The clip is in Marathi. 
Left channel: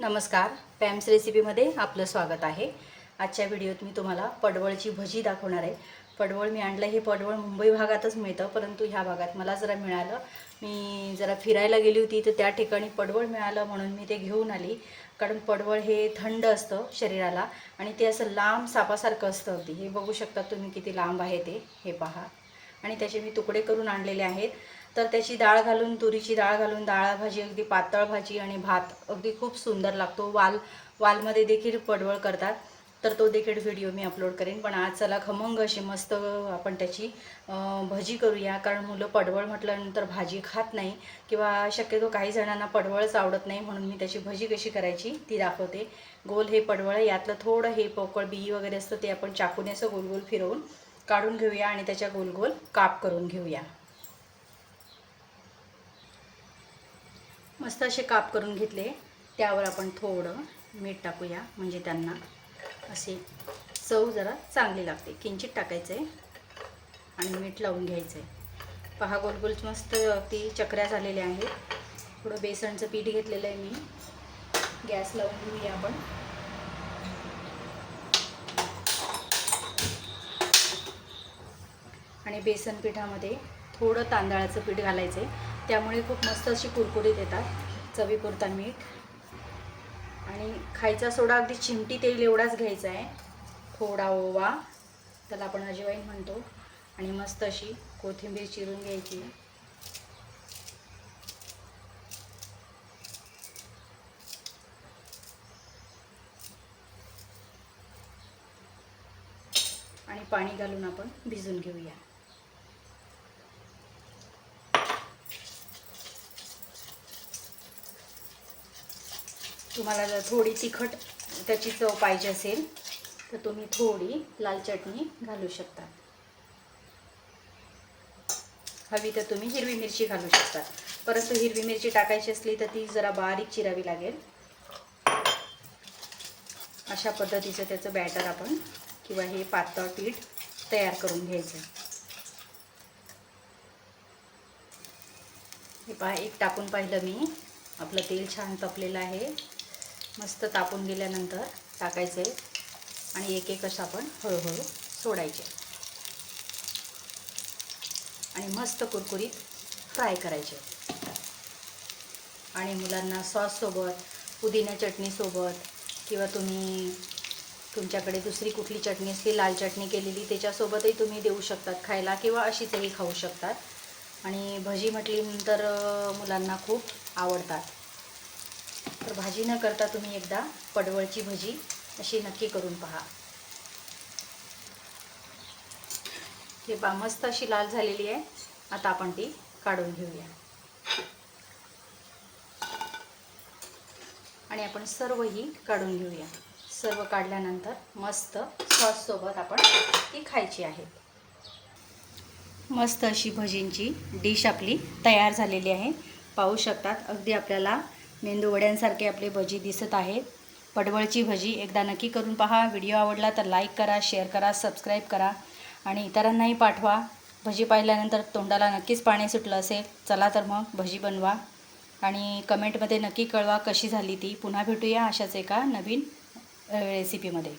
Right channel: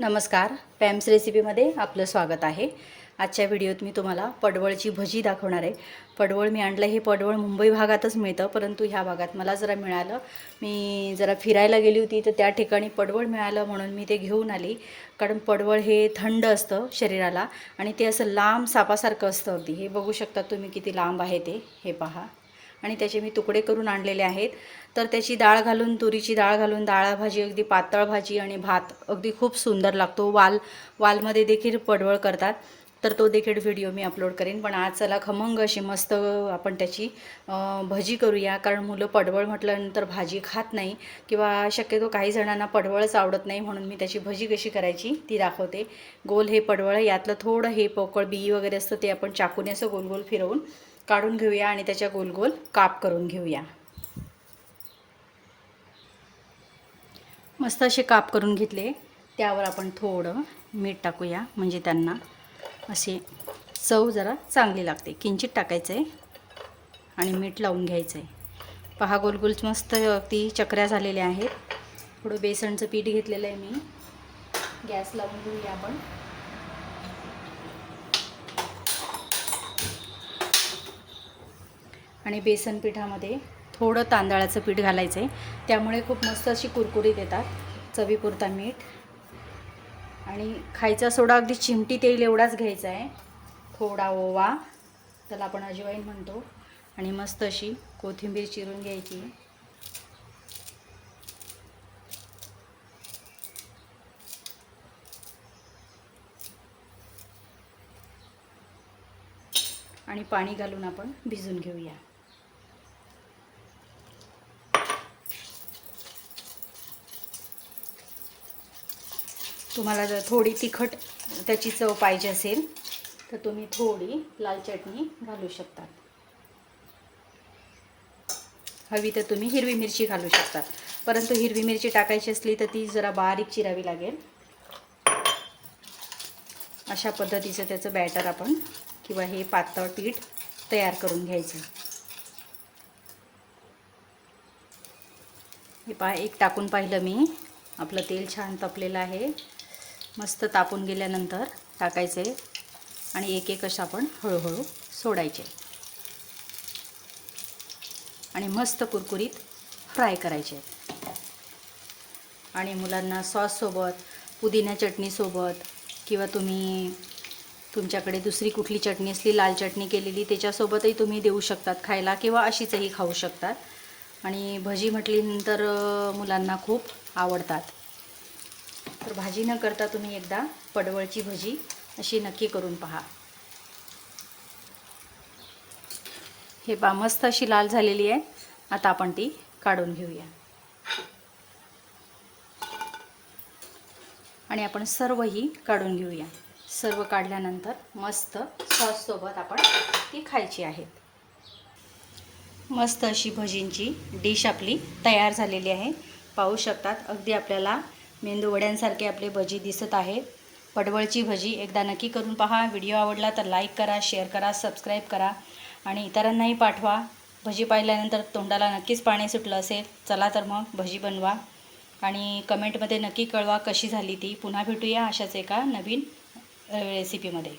नमस्कार पॅम्स रेसिपीमध्ये आपलं स्वागत आहे. आजच्या व्हिडिओत मी तुम्हाला पडवळची भजी दाखवणार आहे. पडवळ मी आणलं हे पडवळ मुंबई भागातच मिळतं परंतु ह्या भागात मला जरा मिळालं. मी जरा फिरायला गेली होती तर त्या ठिकाणी पडवळ मिळालं म्हणून मी ते घेऊन आली. कारण पडवळ हे थंड असतं शरीराला आणि ते असं लांब सापासारखं असतं अगदी. हे बघू शकता तुम्ही किती लांब आहे ते. हे पहा. आणि त्याचे मी तुकडे करून आणलेले आहेत. तर त्याची डाळ घालून तुरीची डाळ घालून डाळा भाजी अगदी पातळ भाजी आणि भात अगदी खूप सुंदर लागतो. वाल वालमध्ये देखील पडवळ करतात. तर तो देखील व्हिडिओ मी अपलोड करेन. पण आज चला खमंग अशी मस्त आपण त्याची भजी करूया. कारण मुलं पडवळ म्हटल्यानंतर भाजी खात नाही किंवा शक्यतो काही जणांना पडवळच आवडत नाही म्हणून मी त्याची भजी कशी करायची ती दाखवते. गोल हे पडवळ यातलं थोडं हे पोकळ बी वगैरे असतं ते आपण चाकूने असं गोल गोल फिरवून काढून घेऊया आणि त्याच्या गोल गोल काप करून घेऊया. मस्त असे काप करून घेतले. त्यावर आपण थोडं मीठ टाकूया म्हणजे त्यांना असे चव जरा चांगली लागते. किंचित टाकायचं आहे आणि मीठ लावून घ्यायचं आहे पहा गोलगोल मस्त अगदी चकऱ्या झालेल्या आहेत. थोडं बेसनचं पीठ घेतलेलं आहे मी. गॅस लावून घेऊया आपण. आणि बेसन पिठामध्ये थोडं तांदळाचं पीठ घालायचं आहे त्यामुळे खूप मस्त अशी कुरकुरीत येतात. चवीपुरता मीठ. आणि खायचा सोडा अगदी चिमटी तेल एवढाच घ्यायचा आहे थोडा ओवा त्याला आपण अजिवाईन म्हणतो. आणि मस्त अशी कोथिंबीर चिरून घ्यायची. आणि पाणी घालून आपण भिजून घेऊया. तुम्हाला जर थोडी तिखट त्याची चव पाहिजे असेल तर तुम्ही थोडी लाल चटणी घालू शकता हवी तर तुम्ही हिरवी मिरची घालू शकतात. परंतु हिरवी मिरची टाकायची असली तर ती जरा बारीक चिरावी लागेल. अशा पद्धतीचं त्याचं बॅटर आपण किंवा हे पातळ पीठ तयार करून घ्यायचं. हे पहा एक टाकून पाहिलं मी. आपलं तेल छान तपलेलं आहे. मस्त तापून गेल्यानंतर टाकायचे आणि एक एक असं आपण हळूहळू सोडायचे. आणि मस्त कुरकुरीत फ्राय करायचे. आणि मुलांना सॉससोबत पुदिना चटणीसोबत किंवा तुम्ही तुमच्याकडे दुसरी कुठली चटणी असली लाल चटणी केलेली त्याच्यासोबतही तुम्ही देऊ शकतात खायला किंवा अशीचही खाऊ शकतात. आणि भजी म्हटली अं, मुलांना खूप आवडतात. तर भाजी न करता तुम्ही एकदा पडवळची भजी अशी नक्की करून पहा. हे पा मस्त अशी लाल झालेली आहे. आता आपण ती काढून घेऊया. आणि आपण सर्वही काढून घेऊया. सर्व काढल्यानंतर मस्त सॉससोबत आपण ती खायची आहेत मस्त अशी भजींची डिश आपली तयार झालेली आहे. पाहू शकतात अगदी आपल्याला मेंदू वड्यांसारखे आपले भजी दिसत आहेत पडवळची भजी एकदा नक्की करून पहा. व्हिडिओ आवडला तर लाईक करा शेअर करा सबस्क्राईब करा आणि इतरांनाही पाठवा. भजी पाहिल्यानंतर तोंडाला नक्कीच पाणी सुटलं असेल. चला तर मग भजी बनवा. आणि कमेंटमध्ये नक्की कळवा कशी झाली ती. पुन्हा भेटूया अशाच एका नवीन रेसिपीमध्ये